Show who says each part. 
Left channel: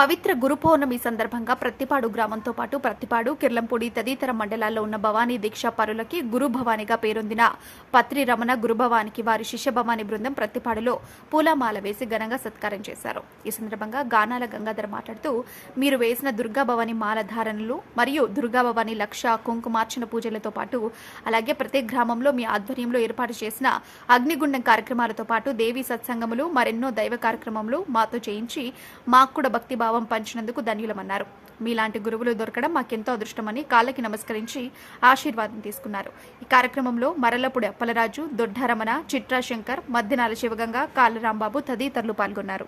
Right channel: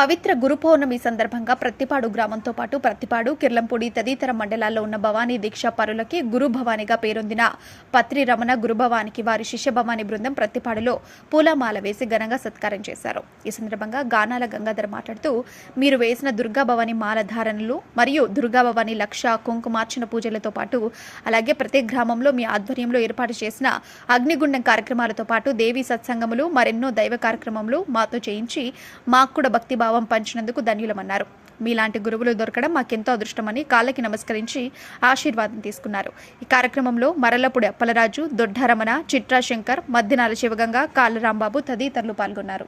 Speaker 1: పవిత్ర గురు పౌర్ణమి సందర్భంగా ప్రత్తిపాడు గ్రామంతో పాటు ప్రత్తిపాడు కిర్లంపూడి తదితర మండలాల్లో ఉన్న భవానీ దీక్షా పరులకి గురు భవానిగా పేరొందిన పత్రి రమణ గురు భవానికి వారి శిష్య భవాని బృందం ప్రత్తిపాడులో పూలమాల వేసి ఘనంగా సత్కారం చేశారు. ఈ సందర్భంగా గానాల గంగాధర్ మాట్లాడుతూ మీరు వేసిన దుర్గా భవాని మాల ధారణలు మరియు దుర్గా భవాని లక్ష కుంకుమార్చన పూజలతో పాటు అలాగే ప్రతి గ్రామంలో మీ ఆధ్వర్యంలో ఏర్పాటు చేసిన అగ్నిగుండం కార్యక్రమాలతో పాటు దేవీ సత్సంగములు మరెన్నో దైవ కార్యక్రమములు మాతో చేయించి మాకు కూడా భక్తి భావం పంచినందుకు ధన్యులమన్నారు. మీలాంటి గురువులు దొరకడం మాకెంతో అదృష్టమని కాళ్ళకి నమస్కరించి ఆశీర్వాదం తీసుకున్నారు. ఈ కార్యక్రమంలో మరలపూడి అప్పలరాజు దొడ్డారమణ చిట్రా శంకర్ మధ్యనాల శివగంగ కాళ్ళ రాంబాబు తదితరులు పాల్గొన్నారు.